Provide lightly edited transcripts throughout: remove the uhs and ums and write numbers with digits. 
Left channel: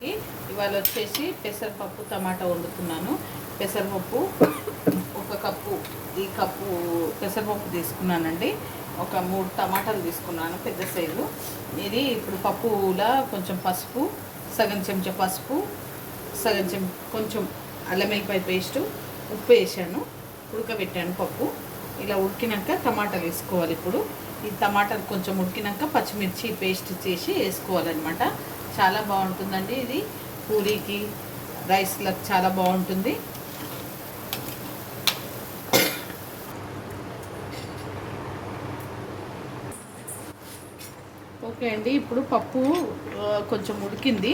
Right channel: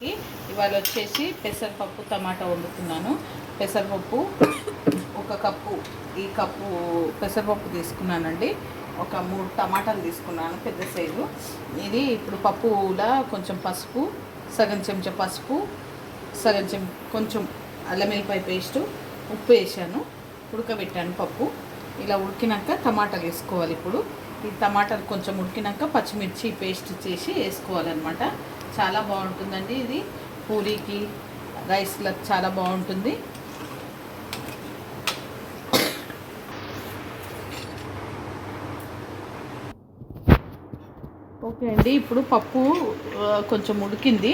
ఇవాళ వచ్చేసి పెసరపప్పు టమాటా వండుతున్నాను. పెసరపప్పు ఒక కప్పు, ఈ కప్పు పెసరపప్పు తీసుకున్నానండి. ఒక 3 టమాటాలు తీసుకున్నాను పెద్ద సైజు. ఇది ఇప్పుడు పప్పులా కొంచెం పసుపు, సగం చెంచా పసుపు, సగం కొంచెం అల్లం వెల్లిపాయ పేస్టు, ఉప్పు వేసాను, ఉడకబెట్టాను పప్పు. ఇలా ఉడికినాక టమాటాలు వేసుకోవాలి. ఇప్పుడు ఈ టమాటాలు కొంచెం ఉడికినాక పచ్చిమిర్చి పేస్ట్ చేసి వేసుకోవాలన్నమాట. చాలా బాగుంటుందండి. ఇది పూరీకి, రైస్లకు చాలా బాగుంటుంది. ఓకే అండి, ఇప్పుడు పప్పు కొంచెం ఉడికింది.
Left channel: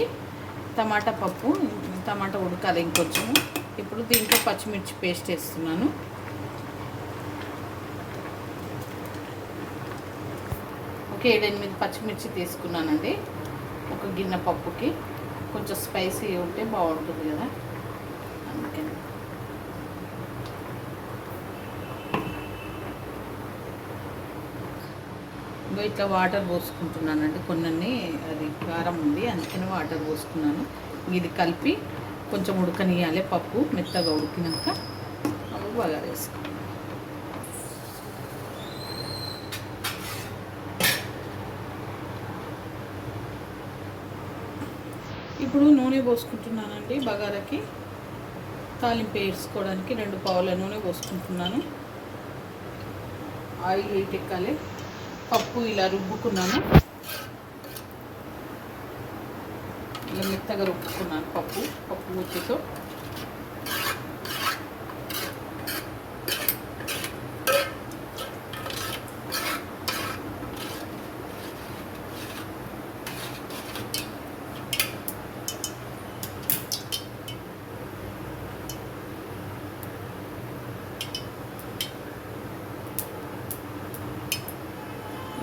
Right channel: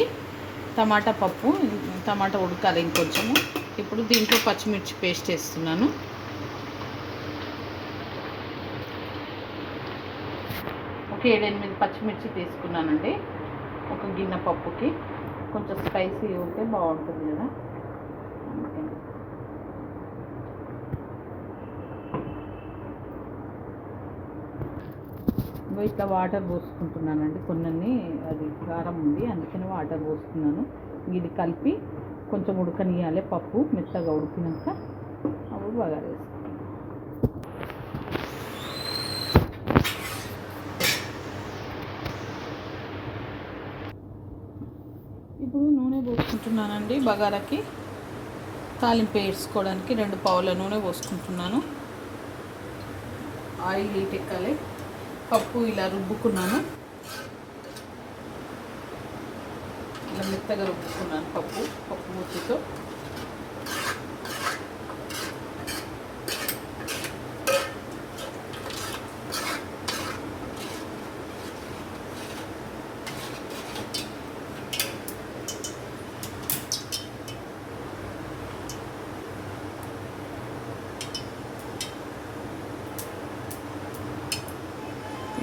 టమాటా ఉడకాలి ఇంకొంచెము. ఇప్పుడు దీంట్లో పచ్చిమిర్చి పేస్ట్ వేస్తున్నాను. ఒక 7-8 పచ్చిమిర్చి తీసుకున్నానండి. ఒక గిన్నె పప్పుకి కొంచెం స్పైసీ ఉంటే బాగుంటుంది కదా, అందుకని. ఇట్లా వాటర్ పోసుకుంటున్నానండి. కొన్ని అది కారం ఉంది, అందుకని వాటర్ పోసుకున్నాను. ఇది కలిపి కొంచెం ఉడకనియాలి. పప్పు మెత్తగా ఉడికినాక అప్పుడు బగారా వేసుకోవాలి. ఇప్పుడు నూనె పోసుకుంటున్నానండి. బగారాకి తాలింపు వేసుకోవడానికి 2 పావుల నూనె పోసుకుంటున్నాను. ఆయిల్ హీట్ ఎక్కాలి. పప్పు ఇలా రుబ్బుకున్నాను, ఇలా మెత్తగా రుబ్బుకున్నాను పప్పు ముద్దతో.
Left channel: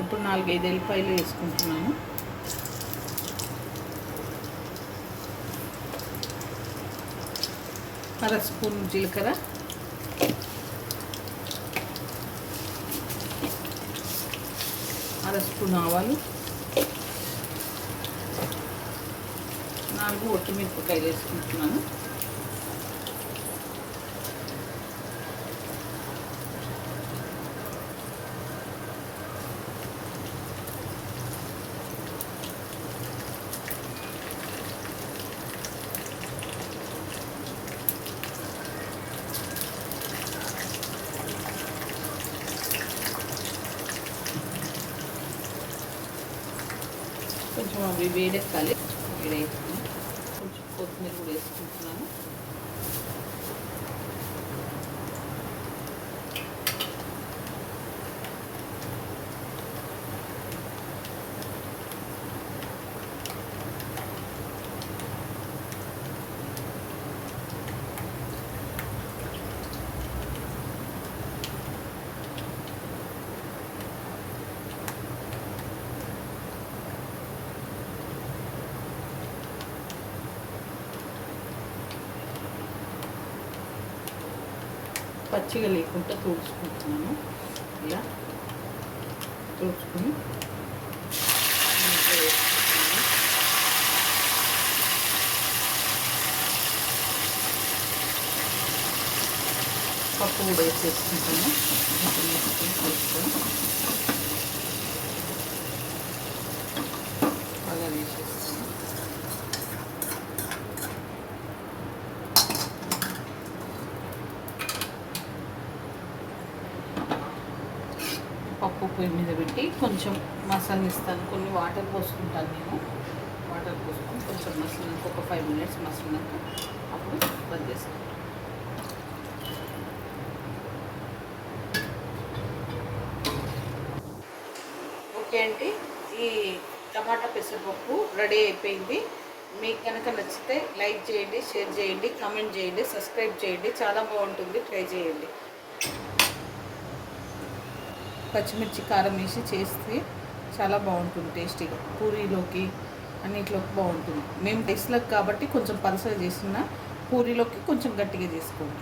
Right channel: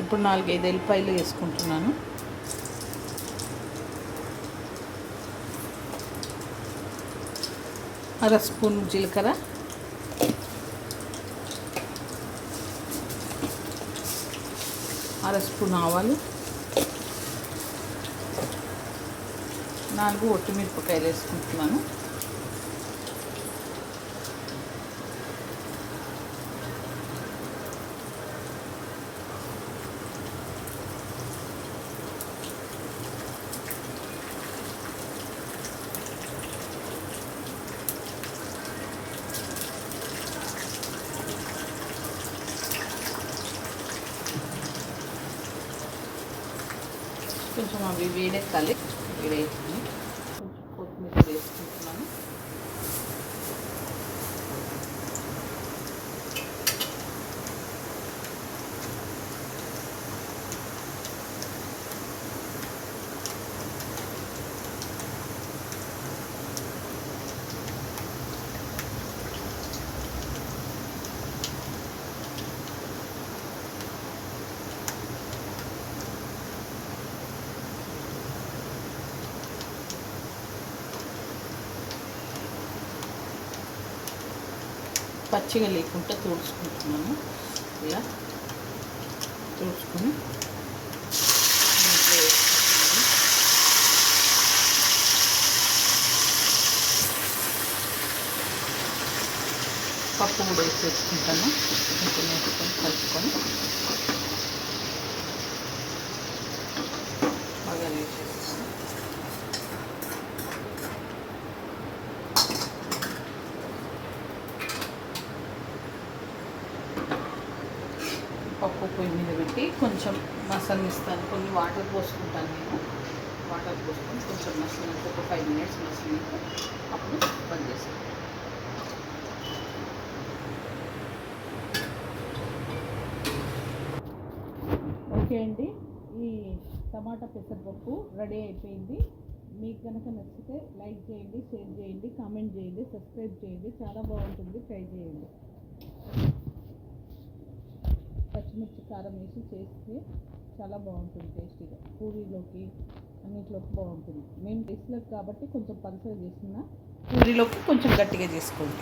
ఇప్పుడు 4-5 ఎల్లిపాయలు వేసుకుంటున్నాను. అర స్పూన్ జీలకర్ర, అర స్పూన్ ఆవాలు, 4 ఒట్టిమిరపకాయలు వేసుకుంటున్నాను. కొంచెం అవి వేడెక్కాలి. వేడెక్కి కొంచెం కొత్తిమీర వేసుకుంటున్నాను. పచ్చిగా లేకుండా తుడుచుకుంటున్నాను. ఇలా తుడుచుకొని పప్పు కూడా వేసేసుకుంటాను. కొంచెం వేసుకొని కలుపుకొని బాగా వేసేస్తాను. పప్పు పొయ్యి మీద పెట్టి కొంచెం మసలిస్తాను. కొన్ని వాటర్ పోసుకుంటాను నేను. వాటర్ పోసుకొని కొంచెం మసలినాక ఒక 5 మినిట్స్ మసలినాక అప్పుడు బంద్ చేస్తాను. ఓకే అండి, ఈ టమాటా పెసరపప్పు రెడీ అయిపోయింది. మీకు కనుక నచ్చితే లైక్ చేయండి, షేర్ చేయండి, కామెంట్ చేయండి, సబ్స్క్రైబ్ చేయండి. చాలా బాగుంటుంది, ట్రై చేయండి. పచ్చిమిర్చి కారం వేసి చేస్తే చాలా బాగుంటుంది. టేస్టీగా పూరీలోకి అన్నిట్లోకి బాగుంటుంది. మేము టేస్ట్లకు కాబట్టి కొంచెం పలసగా చేసిన, పూరీలోకి కొంచెం గట్టిగా చేసుకోండి.